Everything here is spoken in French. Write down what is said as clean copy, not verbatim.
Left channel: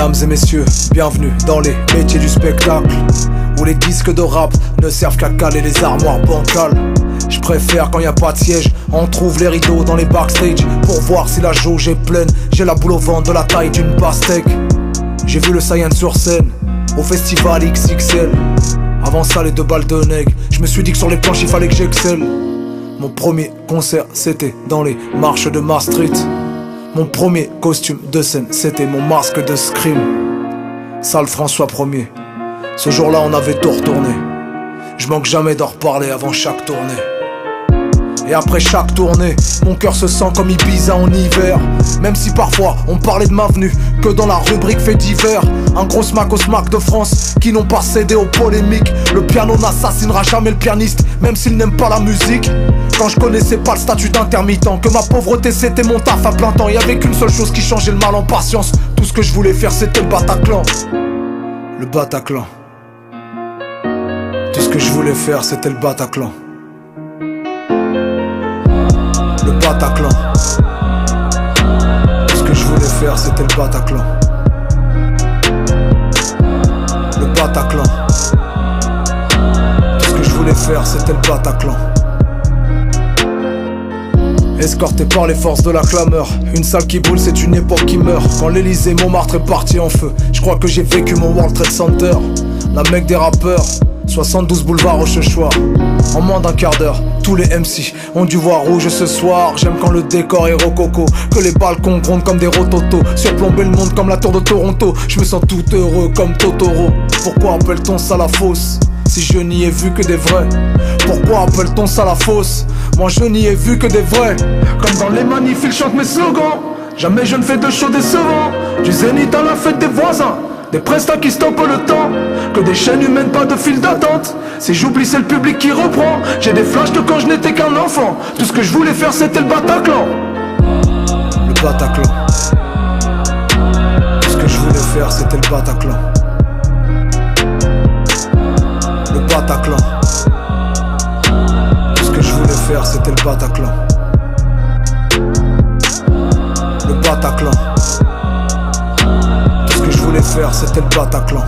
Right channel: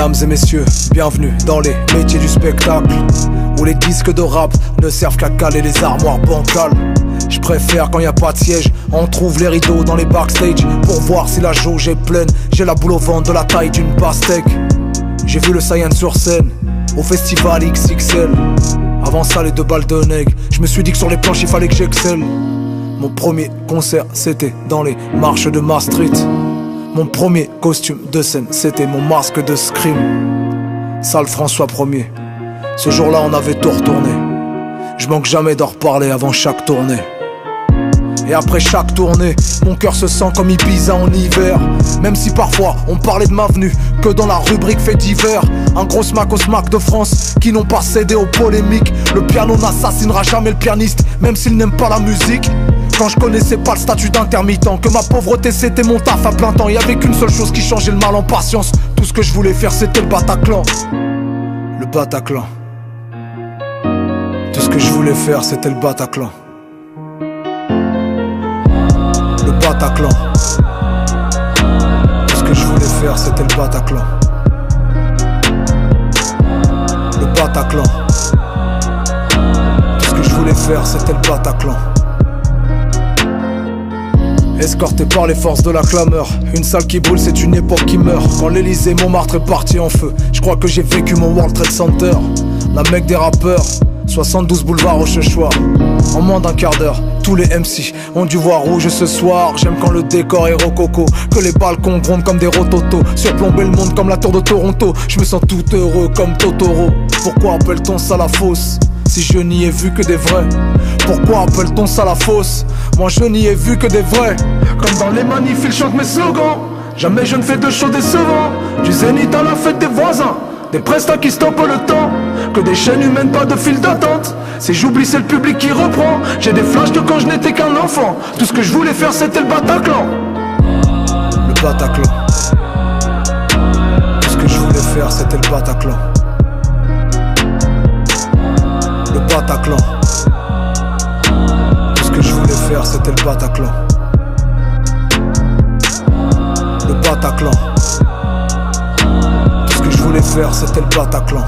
Mesdames et messieurs, bienvenue dans les métiers du spectacle, où les disques de rap ne servent qu'à caler les armoires bancales. Je préfère quand y a pas de siège, on trouve les rideaux dans les backstage pour voir si la jauge est pleine. J'ai la boule au ventre de la taille d'une pastèque. J'ai vu le Saiyan sur scène, au festival XXL. Avant ça les 2 balles de nègre, je me suis dit que sur les planches il fallait que j'excelle. Mon premier concert c'était dans les marches de Maastricht. Mon premier costume de scène c'était mon masque de scream. Salle François 1er, ce jour-là on avait tout retourné. Je manque jamais d'en reparler avant chaque tournée. Et après chaque tournée, mon cœur se sent comme Ibiza en hiver. Même si parfois on parlait de ma venue que dans la rubrique fait divers. Un gros smack au smack de France qui n'ont pas cédé aux polémiques. Le piano n'assassinera jamais le pianiste, même s'il n'aime pas la musique. Quand je connaissais pas le statut d'intermittent, que ma pauvreté c'était mon taf à plein temps. Y'avait qu'une seule chose qui changeait le mal en patience. Tout ce que je voulais faire c'était le Bataclan. Le Bataclan. Tout ce que je voulais faire c'était le Bataclan. Le Bataclan. Tout ce que je voulais faire c'était le Bataclan. Le Bataclan. Tout ce que je voulais faire c'était le Bataclan. Escorté par les forces de la clameur, une salle qui brûle c'est une époque qui meurt. Quand l'Elysée Montmartre est parti en feu, je crois que j'ai vécu mon World Trade Center. La mecque des rappeurs, 72 boulevard Rochechouart. En moins d'un quart d'heure, tous les MC ont dû voir rouge ce soir. J'aime quand le décor est rococo, que les balcons grondent comme des rototos, surplomber le monde comme la tour de Toronto. Je me sens tout heureux comme Totoro. Pourquoi appelle-t-on ça la fosse si je n'y ai vu que des vrais? Pourquoi appelle-t-on ça la fosse? Moi je n'y ai vu que des vrais. Comme dans les manifs ils chantent mes slogans. Jamais je ne fais de show décevant. Du zénith à la fête des voisins, des prestats qui stoppent le temps. Que des chaînes humaines, pas de file d'attente. Si j'oublie c'est le public qui reprend. J'ai des flashs de quand je n'étais qu'un enfant. Tout ce que je voulais faire c'était le Bataclan. Le Bataclan. Tout ce que je voulais faire c'était le Bataclan. Le Bataclan. Tout ce que je voulais faire c'était le Bataclan. Le Bataclan. Tout ce que je voulais faire c'était le Bataclan.